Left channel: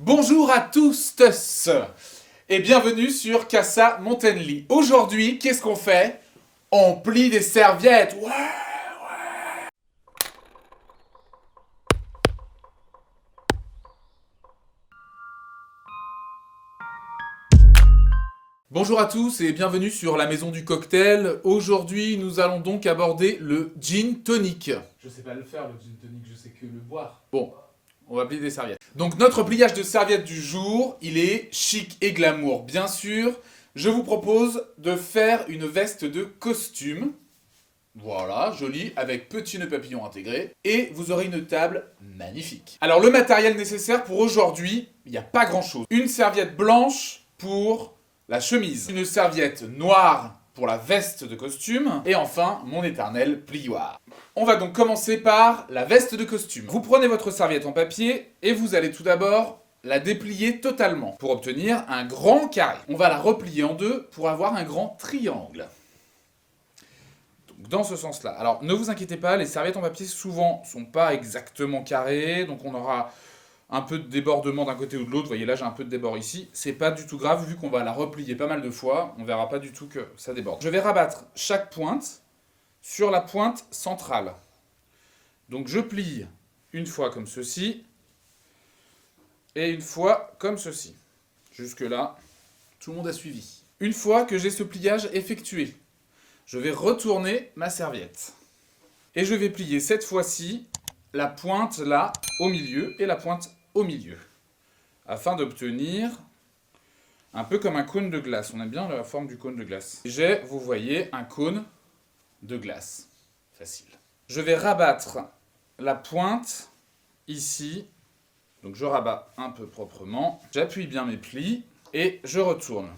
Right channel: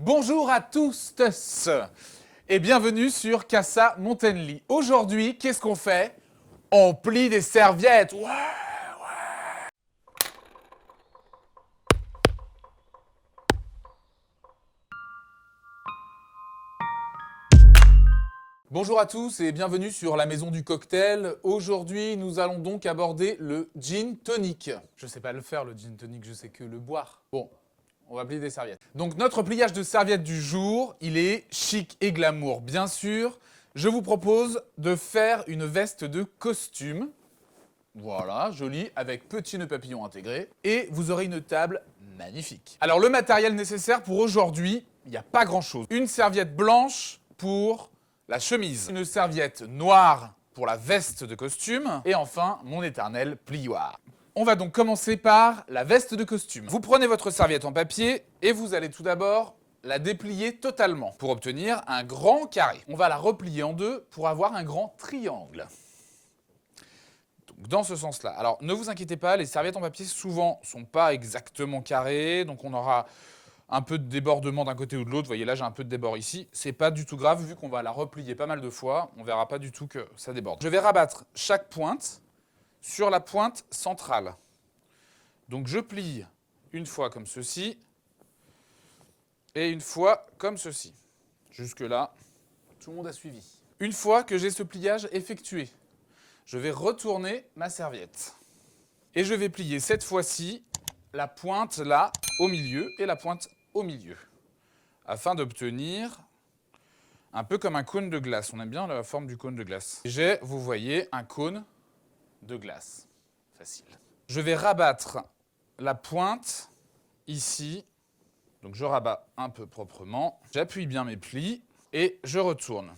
Bonjour à tous et bienvenue sur Casa Montenly. Aujourd'hui, qu'est-ce qu'on fait? On plie des serviettes. Ouais. Bonjour à tous et bienvenue sur la maison du cocktail. Aujourd'hui, nous allons donc aborder le gin tonic. Je sais pas le faire, le gin tonic, je sais que le boire. Bon, on va plier des serviettes. Donc notre pliage de serviettes du jour, il est chic et glamour. Bien sûr, je vous propose de faire une veste de costume. Voilà, jolie, avec petit nœud papillon intégré. Et vous aurez une table magnifique. Alors le matériel nécessaire pour aujourd'hui, il n'y a pas grand chose. Une serviette blanche pour la chemise. Une serviette noire pour la veste de costume. Et enfin, mon éternel plioir. On va donc commencer par la veste de costume. Vous prenez votre serviette en papier et vous allez tout d'abord la déplier totalement pour obtenir un grand carré. On va la replier en deux pour avoir un grand triangle. Donc dans ce sens-là. Alors ne vous inquiétez pas, les serviettes en papier souvent sont pas exactement carrées, donc on aura un peu de débordement d'un côté ou de l'autre. Vous voyez là j'ai un peu de débord ici. C'est pas du tout grave vu qu'on va la replier pas mal de fois. On verra pas du tout que ça déborde. Je vais rabattre chaque pointe sur la pointe centrale. Donc je plie une fois comme ceci et une fois comme ceci. Jusque là, tout le monde a suivi. Une fois que j'ai ce pliage effectué, je vais retourner ma serviette. Et je vais plier cette fois-ci la pointe là au milieu et la pointe au milieu. Afin d'obtenir un peu comme un cône de glace. On aime bien la forme du cône de glace. J'ai, vous voyez, un cône de glace. Facile. Je vais rabattre la pointe ici. Donc je rabats un peu proprement. J'appuie bien mes plis et je retourne.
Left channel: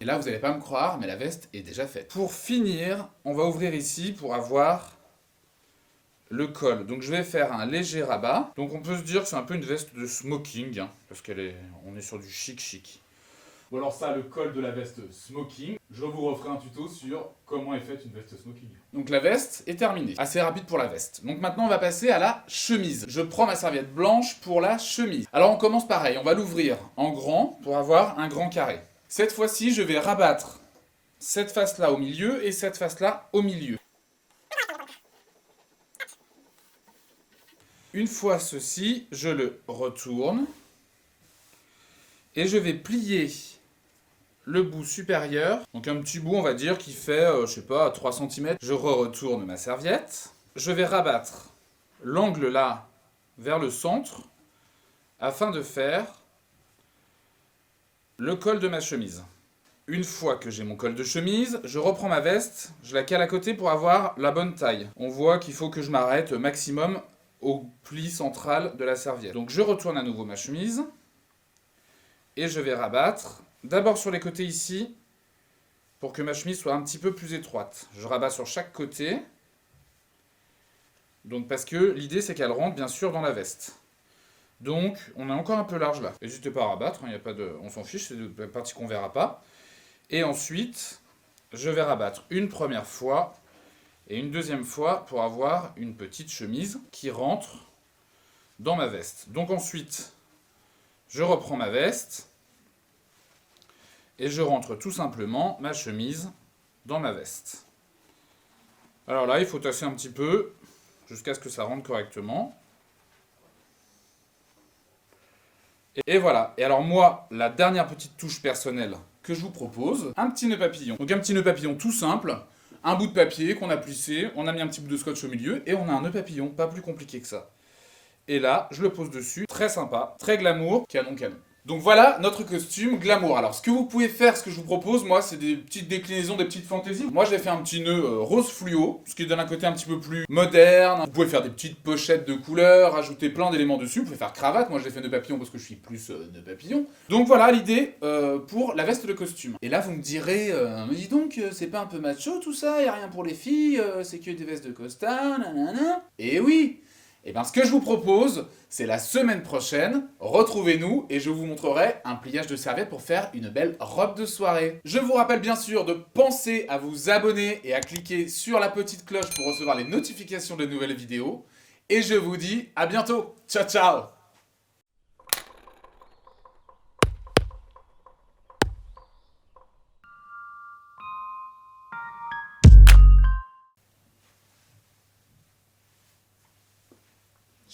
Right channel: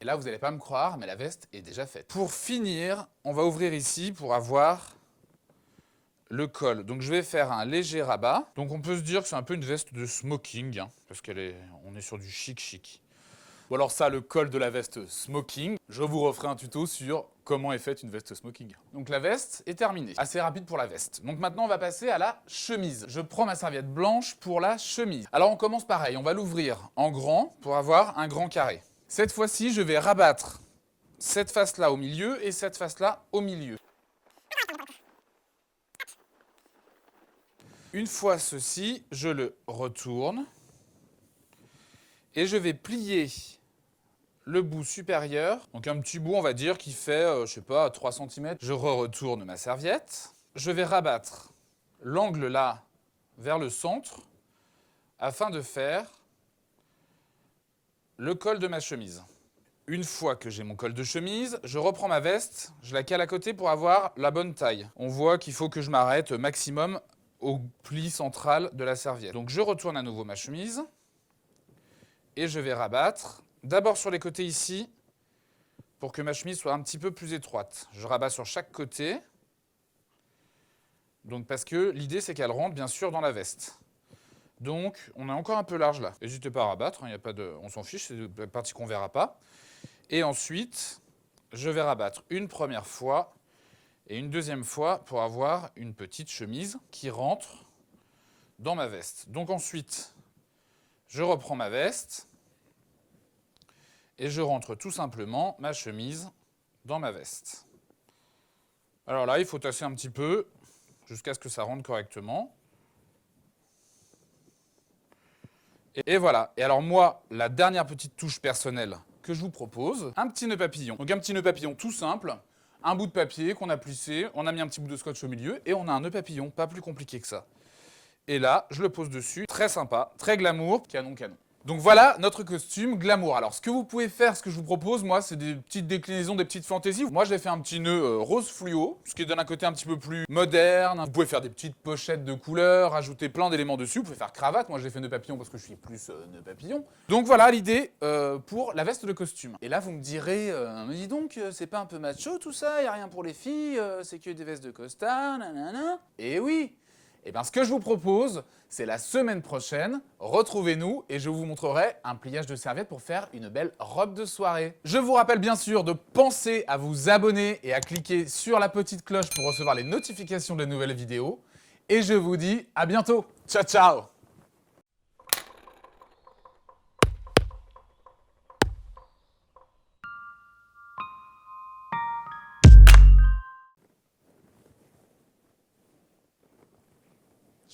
Et là, vous n'allez pas me croire, mais la veste est déjà faite. Pour finir, on va ouvrir ici pour avoir le col. Donc je vais faire un léger rabat. Donc on peut se dire que c'est un peu une veste de smoking, hein, parce on est sur du chic. Ou alors ça, le col de la veste smoking. Je vous referai un tuto sur comment est faite une veste smoking. Donc la veste est terminée. Assez rapide pour la veste. Donc maintenant, on va passer à la chemise. Je prends ma serviette blanche pour la chemise. Alors on commence pareil. On va l'ouvrir en grand pour avoir un grand carré. Cette fois-ci, je vais rabattre cette face-là au milieu et cette face-là au milieu. Une fois ceci, je le retourne et je vais plier le bout supérieur. Donc un petit bout, on va dire, qui fait, je sais pas, 3 cm. Je retourne ma serviette. Je vais rabattre l'angle là vers le centre afin de faire le col de ma chemise. Une fois que j'ai mon col de chemise, je reprends ma veste, je la cale à côté pour avoir la bonne taille. On voit qu'il faut que je m'arrête maximum au pli central de la serviette. Donc je retourne à nouveau ma chemise et je vais rabattre d'abord sur les côtés ici pour que ma chemise soit un petit peu plus étroite. Je rabats sur chaque côté. Donc parce que l'idée c'est qu'elle rentre bien sûr dans la veste. Donc on est encore un peu large là. N'hésitez pas à rabattre, hein, y a pas de... on s'en fiche, c'est des parties qu'on verra pas. Et ensuite, je vais rabattre une première fois et une deuxième fois pour avoir une petite chemise qui rentre dans ma veste. Donc ensuite, je reprends ma veste et je rentre tout simplement ma chemise dans ma veste. Alors là, il faut tasser un petit peu jusqu'à ce que ça rentre correctement. Et voilà. Et alors moi, la dernière petite touche personnelle que je vous propose, un petit nœud papillon. Donc un petit nœud papillon tout simple, un bout de papier qu'on a plissé, on a mis un petit bout de scotch au milieu et on a un nœud papillon, pas plus compliqué que ça. Et là, je le pose dessus, très sympa, très glamour, canon. Donc voilà notre costume glamour. Alors ce que vous pouvez faire, ce que je vous propose, moi, c'est des petites déclinaisons, des petites fantaisies. Moi, j'ai fait un petit nœud rose fluo, ce qui donne un côté un petit peu plus moderne. Vous pouvez faire des petites pochettes de couleurs, rajouter plein d'éléments dessus. Vous pouvez faire cravate. Moi, je l'ai fait nœud papillon parce que je suis plus nœud papillon. Donc voilà l'idée pour la veste de costume. Et là, vous me direz, mais dis donc, c'est pas un peu macho tout ça? Y a rien pour les filles, c'est que des vestes de costard, nanana. Et oui. Et bien ce que je vous propose, c'est la semaine prochaine, retrouvez-nous et je vous montrerai un pliage de serviette pour faire une belle robe de soirée. Je vous rappelle bien sûr de penser à vous abonner et à cliquer sur la petite cloche pour recevoir les notifications de nouvelles vidéos. Et je vous dis à bientôt. Ciao ciao!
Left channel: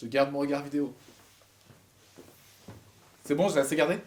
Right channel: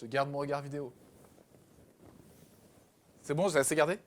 Je garde mon regard vidéo. C'est bon, j'ai assez gardé?